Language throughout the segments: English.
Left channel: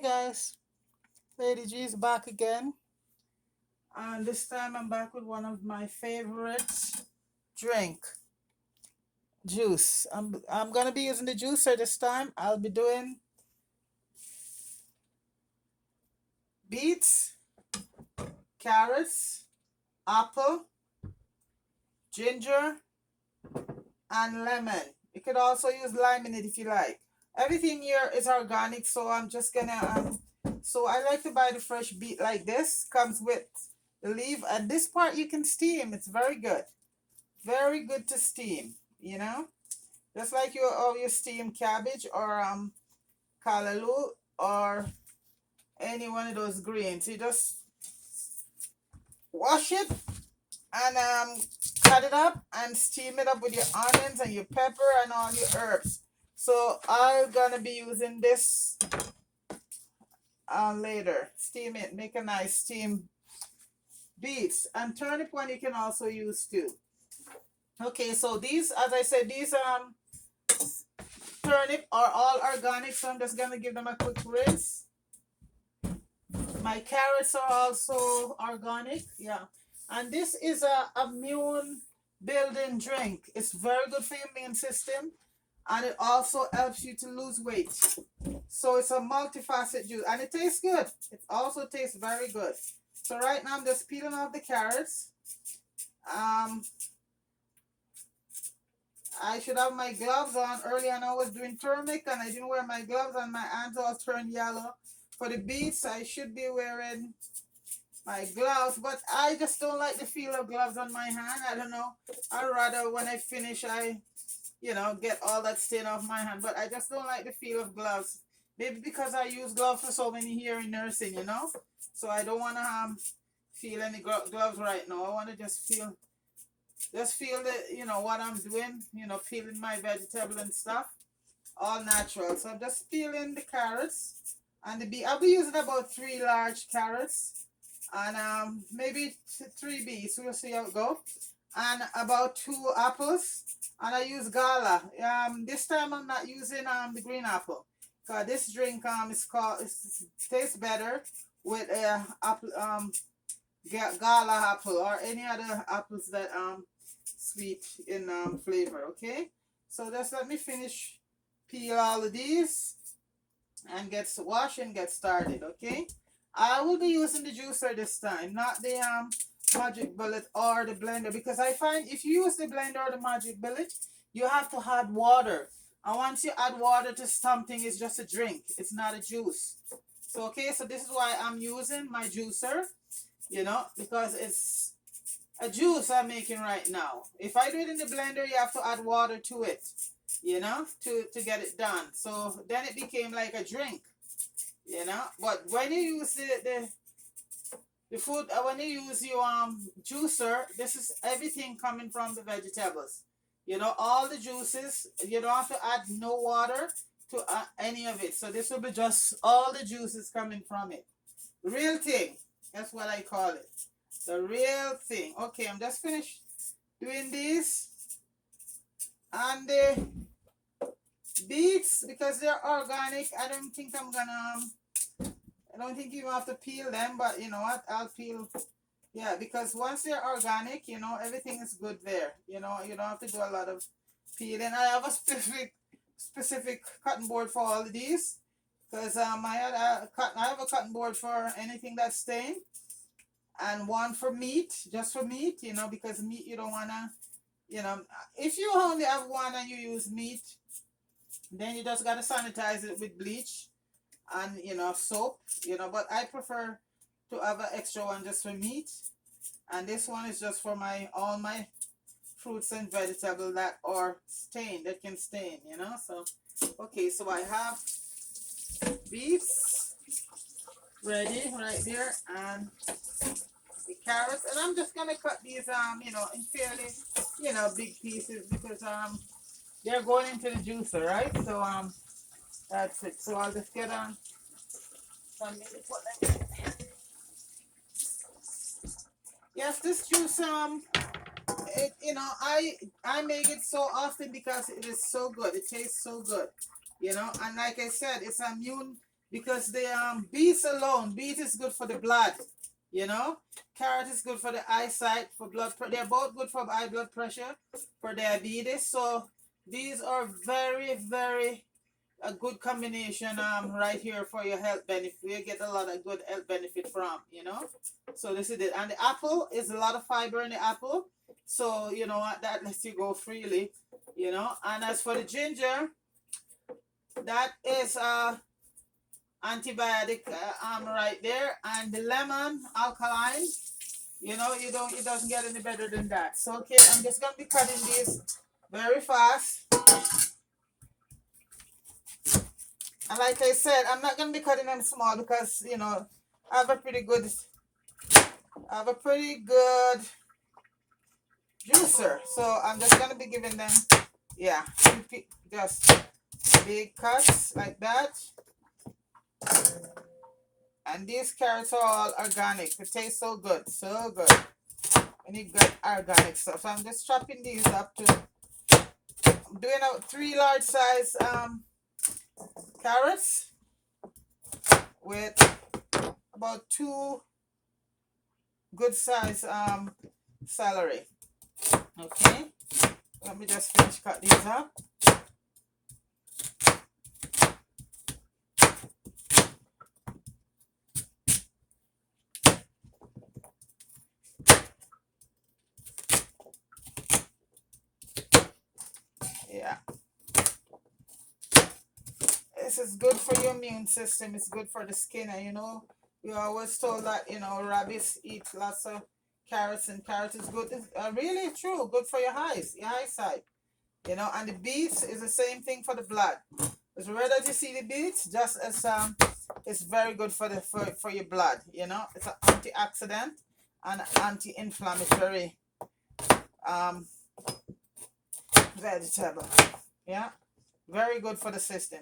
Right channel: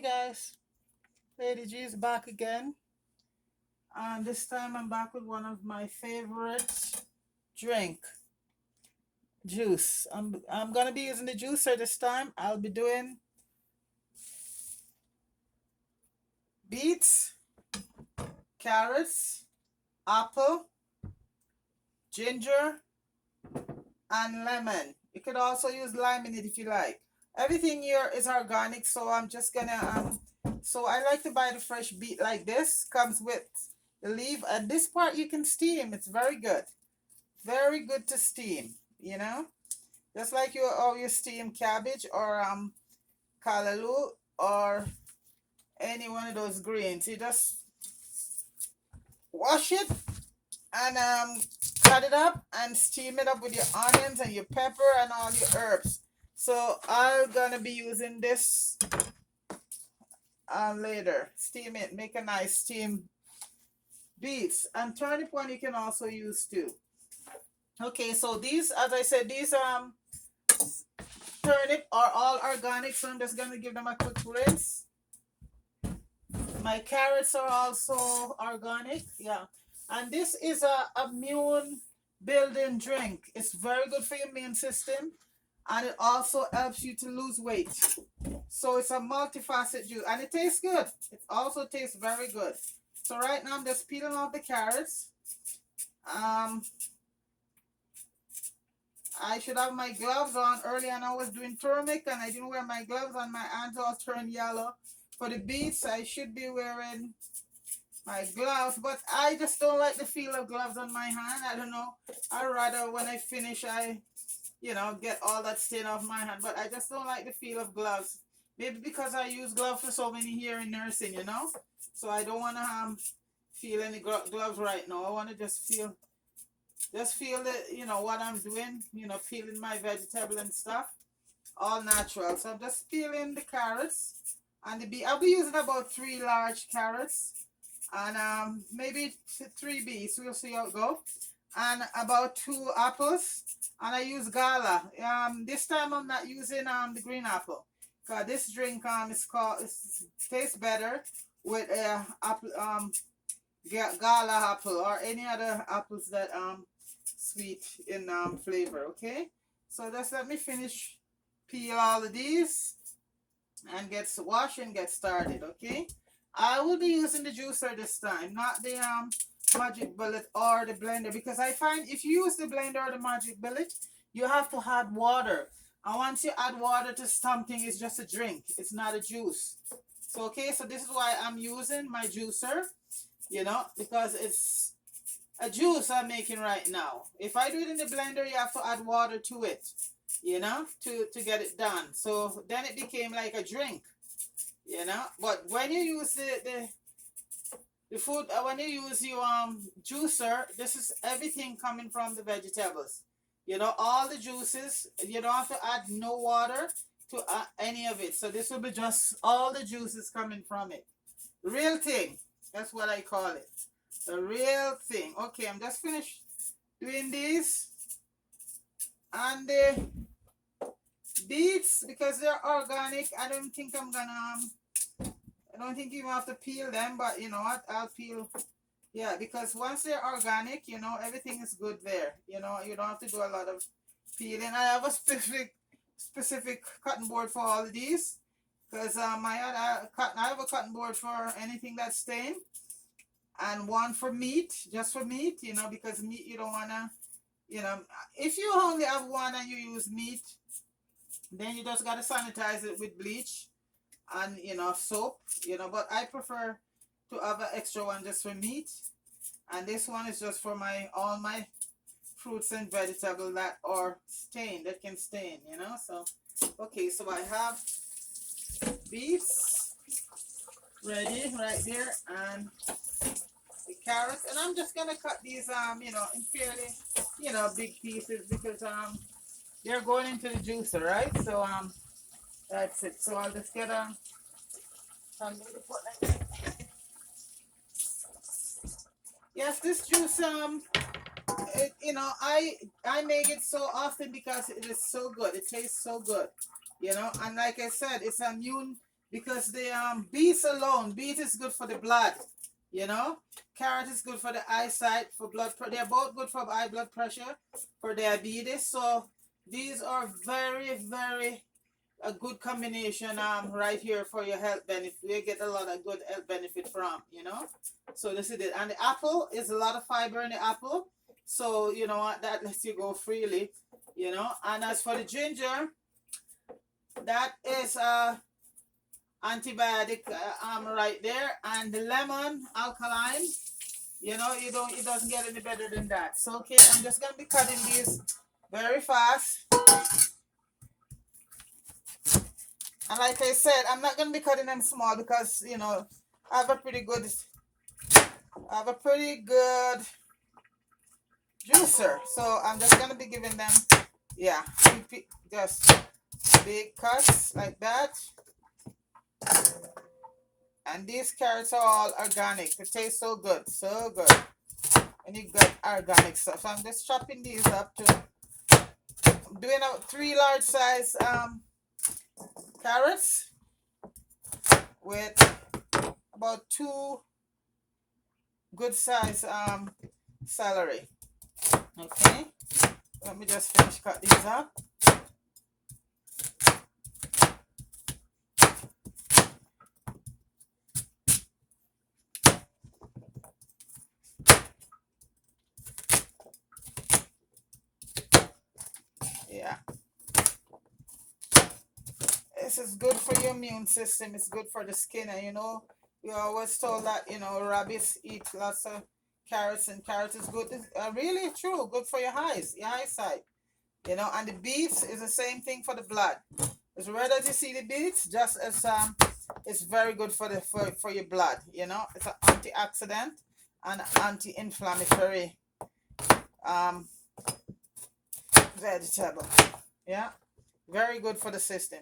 Hi guys, Lady G is back again, and this time I'm back with one of my favorite drink, juice. I'm gonna be using the juicer this time. I'll be doing beets, carrots, apple, ginger, and lemon. You could also use lime in it if you like. Everything here is organic, so I'm just gonna So I like to buy the fresh beet like this. Comes with the leaf, and this part you can steam. It's very good. Very good to steam, just like you steam cabbage or callaloo or any one of those greens. You just wash it and cut it up and steam it up with your onions and your pepper and all your herbs. So I'm gonna be using this later. Steam it, make a nice steam beets, and turnip one you can also use too. Okay, so these, as I said, these turnip are all organic, so I'm just gonna give them a quick rinse. My carrots are also organic, yeah. And this is a immune building drink. It's very good for your immune system, and it also helps you to lose weight. So it's a multifaceted juice, and it tastes good. It also tastes very good. So right now I'm just peeling off the carrots. I should have my gloves on. Earlier and I was doing turmeric and I didn't wear my gloves and my hands all turned yellow. For the beets, I should be wearing my gloves, but I just don't like the feel of gloves on my hand. I don't know. I'd rather when I finish, get all that stain off my hand, but I just don't like the feel of gloves. Maybe because I use gloves for so many years in nursing. So I don't want to feel any gloves right now. I want to just feel that what I'm doing, peeling my vegetable and stuff, all natural. So I'm just peeling the carrots and the beet. I'll be using about 3 large carrots and maybe 3 beets. We'll see how it goes. And about 2 apples. And I use Gala. This time I'm not using the green apple. Cause this drink tastes better with apple Gala apple or any other apples that sweet in flavor. Okay, so just let me finish peel all of these and get wash and get started. Okay, I will be using the juicer this time, not the magic bullet or the blender, because I find if you use the blender or the magic bullet, you have to add water, and once you add water to something, it's just a drink, it's not a juice. So okay, so this is why I'm using my juicer, because it's a juice I'm making right now. If I do it in the blender, you have to add water to it, to get it done. So then it became like a drink, But when you use the food, when you use your juicer, this is everything coming from the vegetables. All the juices. You don't have to add no water to any of it. So this will be just all the juices coming from it. Real thing. That's what I call it. The real thing. Okay, I'm just finished doing this. And the beets, because they're organic, I don't think you have to peel them, but you know what? I'll peel. Yeah, because once they're organic, everything is good there. You don't have to do a lot of peeling. I have a specific cutting board for all of these. Because I have a cutting board for anything that's stained, and one for meat, just for meat, because meat you don't wanna, if you only have one and you use meat, then you just gotta sanitize it with bleach and soap, But I prefer to have an extra one just for meat, and this one is just for all my fruits and vegetables that are stained, that can stain, So okay, so I have beets ready right there, and the carrots, and I'm just gonna cut these in fairly big pieces, because they're going into the juicer, right? So that's it. So I'll just get some to put them. Yes, this juice I make it so often because it is so good. It tastes so good, And like I said, it's immune because the beets alone, beet is good for the blood, you know. Carrot is good for the eyesight, for blood. They're both good for high blood pressure, for diabetes. So these are very, very a good combination right here for your health benefit. You get a lot of good health benefit from, you know. So this is it. And the apple is a lot of fiber in the apple. So you know what, that lets you go freely, you know. And as for the ginger, that is antibiotic right there. And the lemon alkaline, you know, you don't, it doesn't get any better than that. So okay, I'm just gonna be cutting these very fast. And like I said, I'm not gonna be cutting them small because you know I have a pretty good juicer. So I'm just gonna be giving them, yeah, just big cuts like that. And these carrots are all organic. It tastes so good, so good. And you got organic stuff. So I'm just chopping these up to, I'm doing a 3 large size carrots with about 2 good size celery. Okay, let me just finish cut these up. Yeah, this is good for your immune system. It's good for the skin. And you know, we always told that, you know, rabbits eat lots of carrots, and carrots is good. It's really true. Good for your eyes, your eyesight. You know, and the beets is the same thing for the blood. It's rare that you see the beets, just as it's very good for the for your blood. You know, it's an antioxidant and anti-inflammatory um vegetable. Yeah, very good for the system.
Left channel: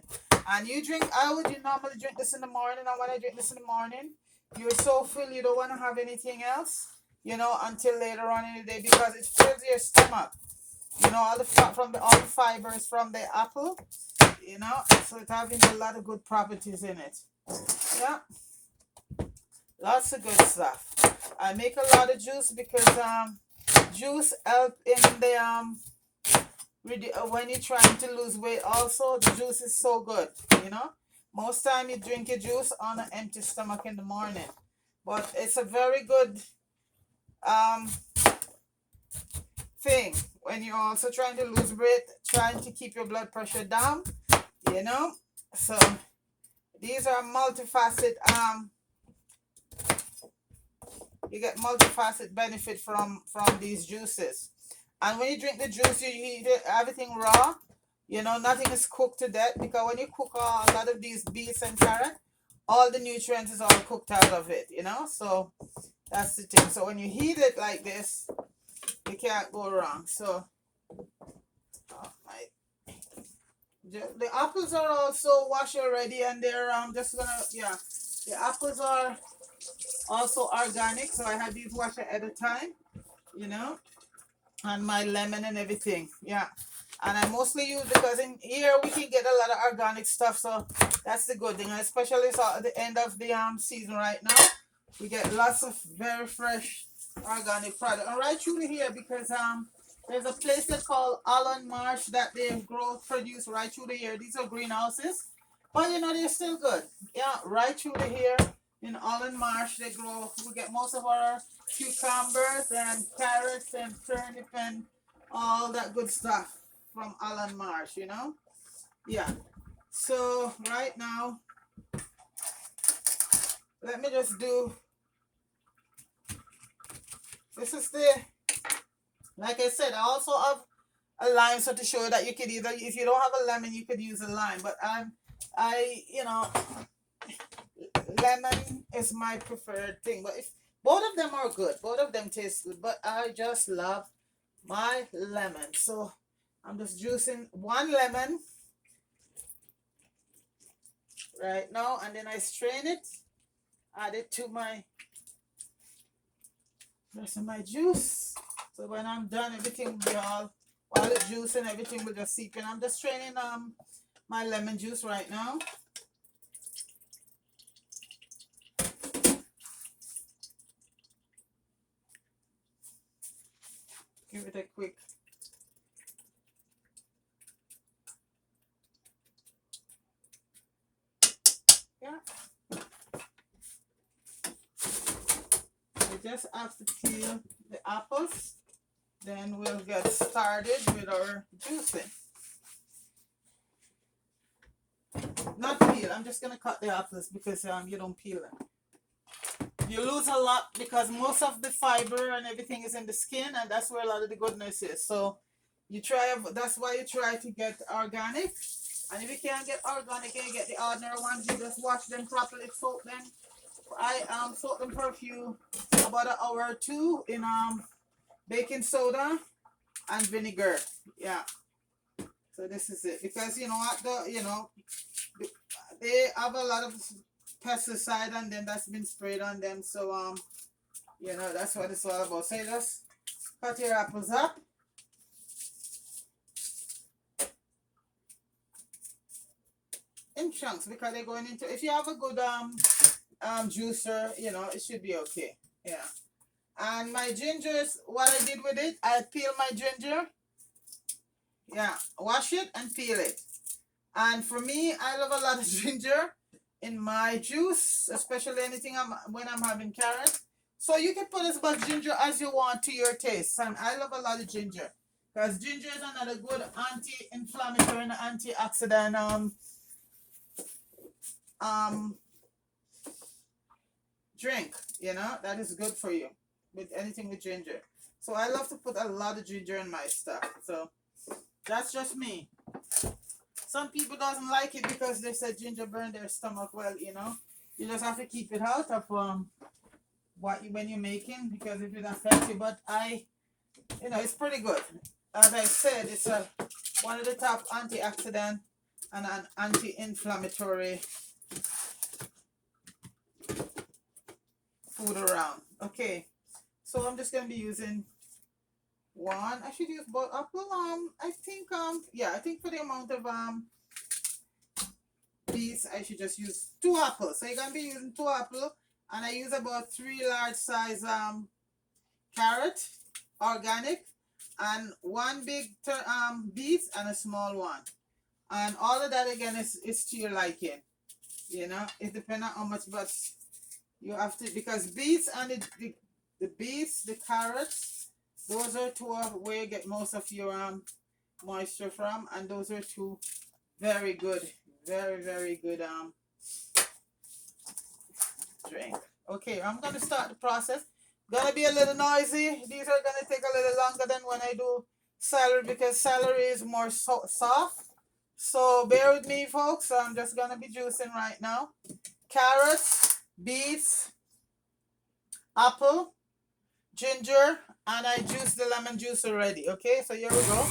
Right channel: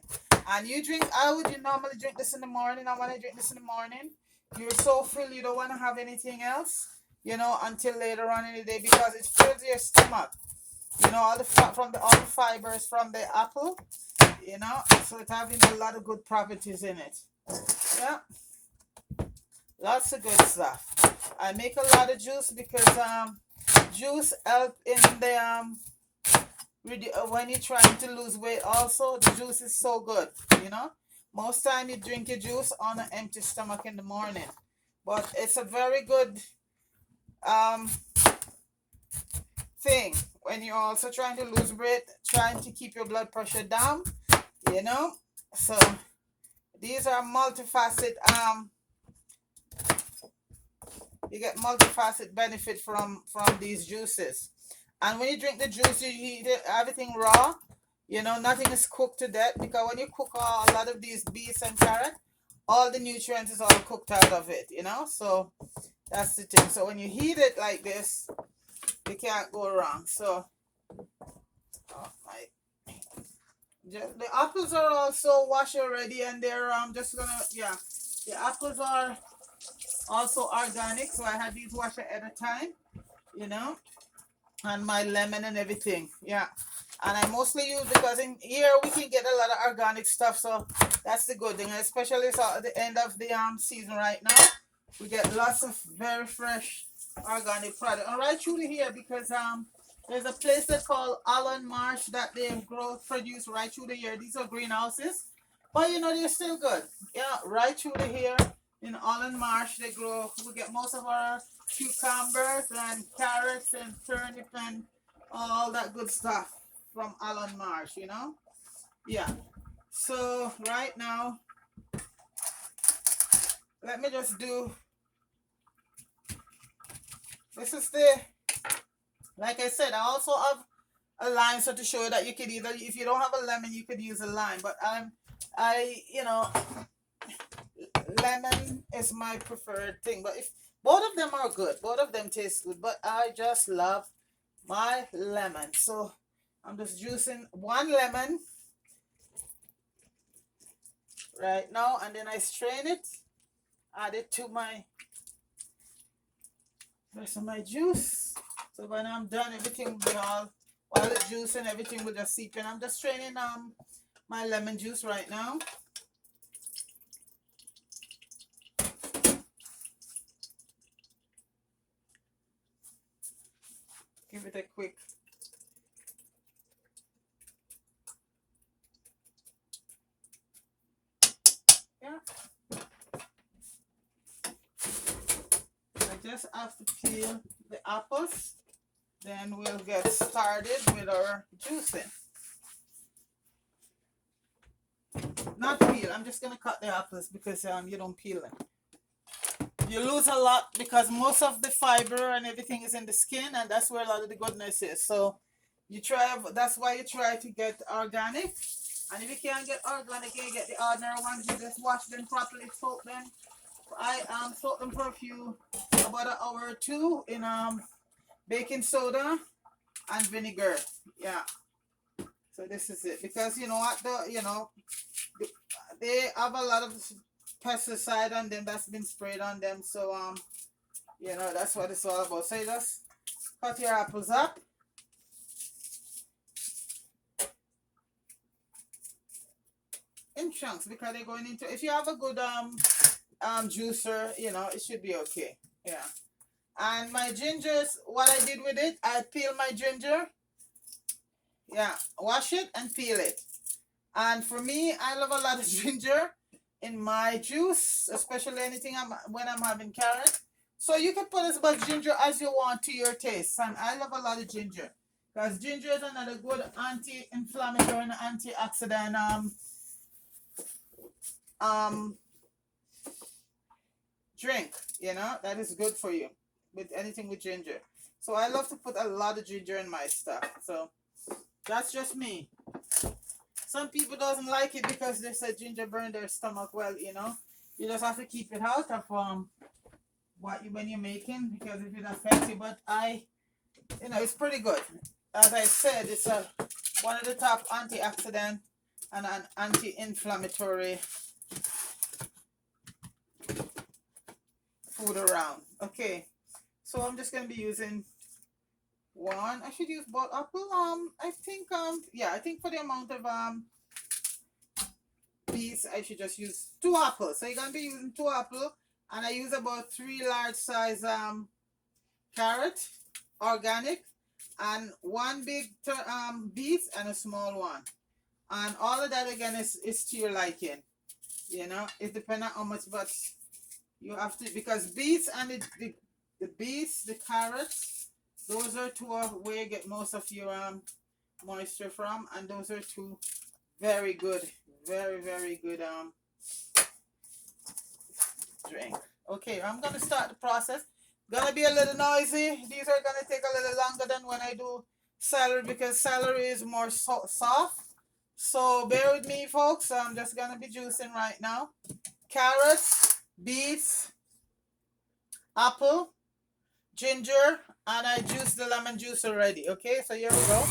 And you drink, how would you normally drink this in the morning? And when I drink this in the morning, you're so full you don't want to have anything else, you know, until later on in the day, because it fills your stomach. You know, all the from the all the fibers from the apple, you know, so it's having a lot of good properties in it. Yeah, lots of good stuff. I make a lot of juice because juice help in the when you're trying to lose weight. Also, the juice is so good, you know. Most time you drink your juice on an empty stomach in the morning, but it's a very good um thing when you're also trying to lose weight, trying to keep your blood pressure down, you know. So these are multifaceted you get multifaceted benefit from these juices. And when you drink the juice, you eat it, everything raw, you know, nothing is cooked to death, because when you cook a lot of these beets and carrot, all the nutrients is all cooked out of it, you know. So that's the thing. So when you heat it like this, you can't go wrong. So oh my, the apples are also washed already, and they're just gonna, yeah, the apples are also organic, so I had these washed at a time, you know. And my lemon and everything, yeah. And I mostly use, because in here we can get a lot of organic stuff, so that's the good thing. And especially so at the end of the season right now, we get lots of very fresh organic product. And right through here, because there's a place that's called Allen Marsh that they grow produce right through the year. These are greenhouses, but you know they're still good. Yeah, right through the here in Allen Marsh they grow. We get most of our cucumbers and carrots and turnip and all that good stuff from Allen Marsh. You know, yeah. So right now, let me just do. This is the, like I said, I also have a lime, so to show you that you could either, if you don't have a lemon, you could use a lime. But you know, lemon is my preferred thing. But if both of them are good, both of them taste good. But I just love my lemon. So I'm just juicing 1 lemon right now, and then I strain it, add it to my rest of my juice. So when I'm done, everything will be all the juice and everything will just seep in. I'm just straining my lemon juice right now. Give it a quick. Yeah. I just have to peel the apples. Then we'll get started with our juicing. Not peel. I'm just gonna cut the apples because you don't peel them. You lose a lot because most of the fiber and everything is in the skin, and that's where a lot of the goodness is. So you try. That's why you try to get organic. And if you can't get organic, you get the ordinary ones. You just wash them properly, soak them. I soak them for about an hour or two in baking soda and vinegar. Yeah. So this is it, because you know what, they have a lot of pesticide on them that's been sprayed on them. So that's what it's all about. So you just cut your apples up. In chunks, because they're going into, if you have a good juicer, it should be okay. Yeah. And my gingers, what I did with it, I peel my ginger. Yeah, wash it and peel it. And for me, I love a lot of ginger in my juice, especially anything when I'm having carrot. So you can put as much ginger as you want to your taste. And I love a lot of ginger, because ginger is another good anti-inflammatory and antioxidant drink, that is good for you with anything with ginger. So I love to put a lot of ginger in my stuff. So that's just me. Some people doesn't like it because they say ginger burn their stomach. Well, you just have to keep it out of when you're making, because if it affects you. But it's pretty good. As I said, it's one of the top antioxidant and an anti-inflammatory food around. Okay, so I'm just gonna be using one. I should use both apple. I think for the amount of beets, I should just use 2 apples. So you're gonna be using 2 apples, and I use about 3 large size carrot, organic, and 1 big beet and a small one. And all of that again is to your liking. It depends on how much, but you have to, because beets and the beets, the carrots, those are 2 where you get most of your moisture from, and those are 2 very good, very, very good drink. Okay, I'm gonna start the process. Gonna be a little noisy. These are gonna take a little longer than when I do celery, because celery is more soft. So bear with me, folks. I'm just gonna be juicing right now. Carrots, beets, apple, ginger, and I juiced the lemon juice already. Okay, so here we go.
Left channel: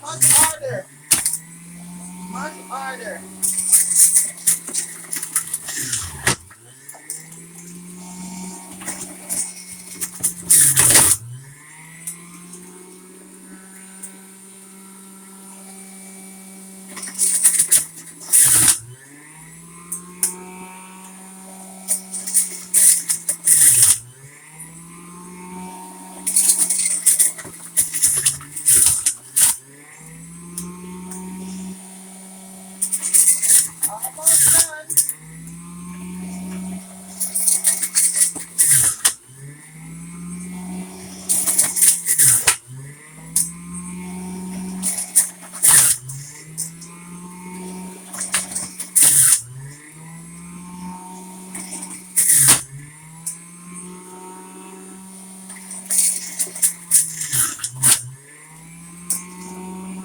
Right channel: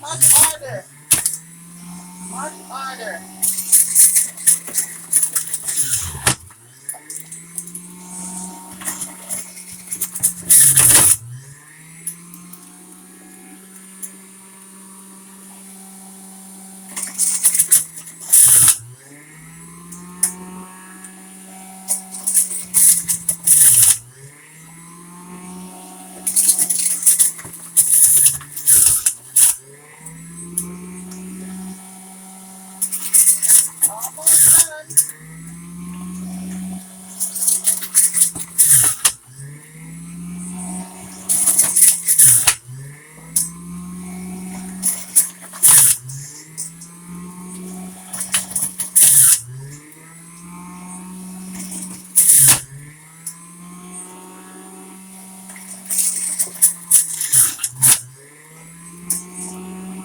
Much harder. Much harder. Almost done.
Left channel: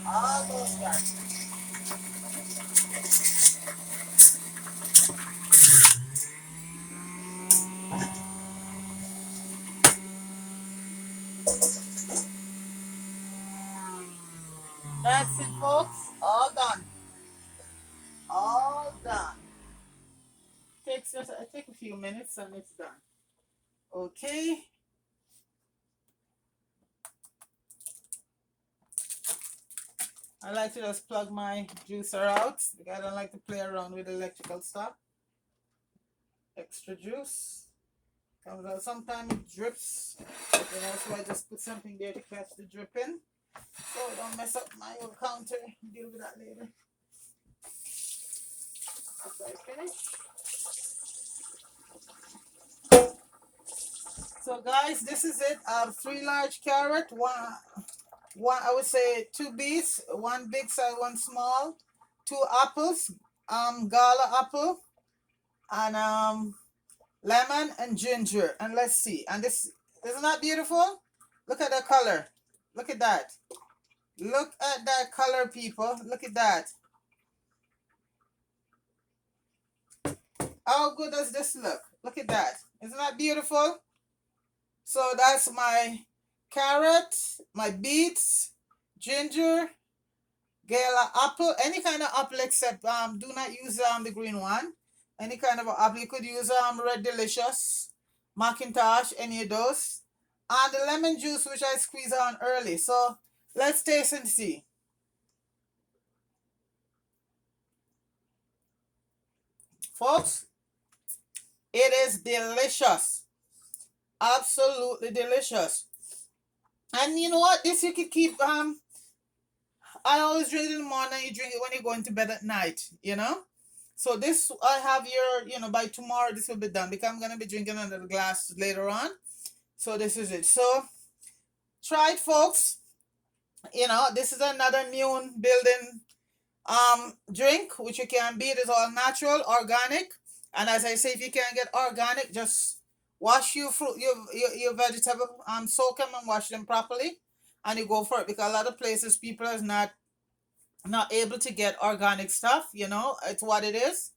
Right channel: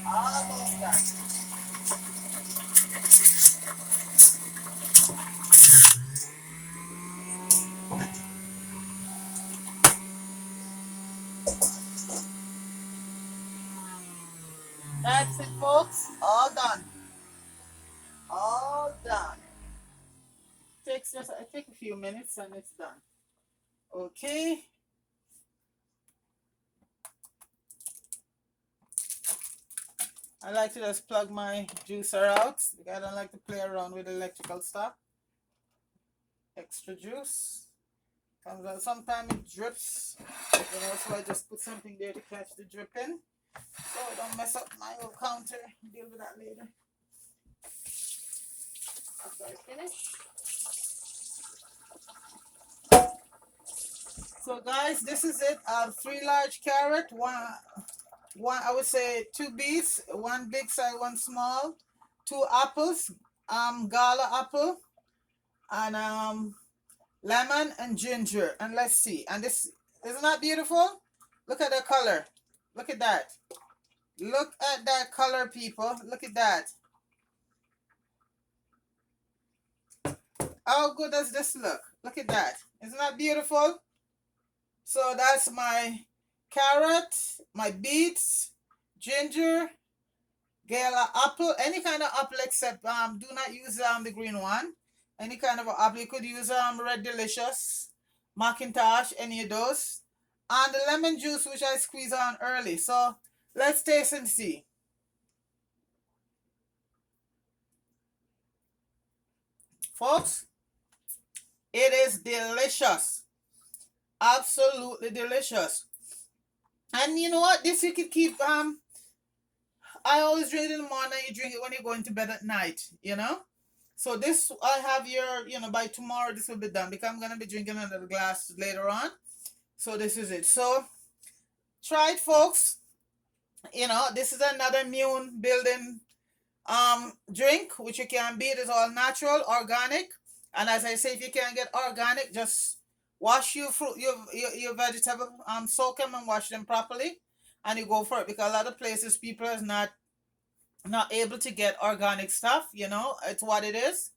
Almost done. That's it, folks. All done. All done. Takes just take a few minutes and it's done. Okay. I like to just plug my juicer out because I don't like to play around with electrical stuff. Extra juice. Comes out. Sometimes it drips, so I just put something there to catch the dripping. So I don't mess up my whole counter. Deal with that later. After I finish. So guys, this is it. 3 large carrot, one I would say 2 beets, 1 big size, 1 small, 2 apples, Gala apple, and lemon and ginger. And let's see. And this isn't that beautiful? Look at the color. Look at that. Look at that color, people. Look at that. How good does this look? Look at that. Isn't that beautiful? So that's my carrot, my beets, ginger, Gala apple, any kind of apple except do not use the green one. Any kind of apple. You could use Red Delicious, Macintosh, any of those. And the lemon juice which I squeeze on early. So let's taste and see. Folks, it is delicious. Absolutely delicious. And you know what? This you could keep I always drink it in the morning. You drink it when you're going to bed at night, So this I have here, by tomorrow this will be done because I'm gonna be drinking another glass later on. So this is it. So try it, folks. This is another immune building drink which you can beat. It's all natural, organic. And as I say, if you can't get organic, just wash your fruit, your vegetable, soak them and wash them properly, and you go for it. Because a lot of places people is not able to get organic stuff. It's what it is.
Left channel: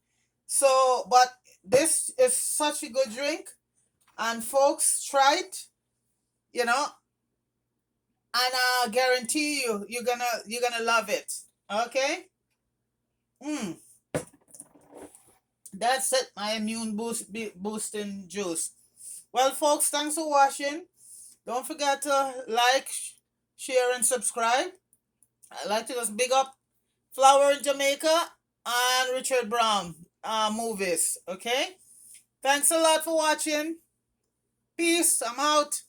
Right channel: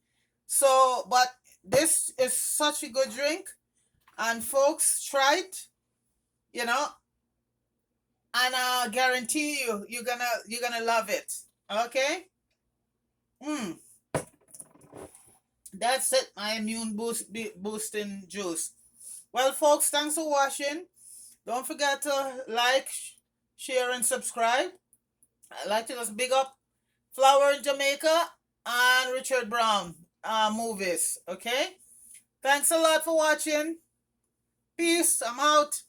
So, but this is such a good drink, and folks, try it. And I guarantee you're gonna love it. Okay. That's it. My immune boosting juice. Well, folks, thanks for watching. Don't forget to like, share, and subscribe. I'd like to just big up Flower in Jamaica and Richard Brown movies. Okay? Thanks a lot for watching. Peace. I'm out.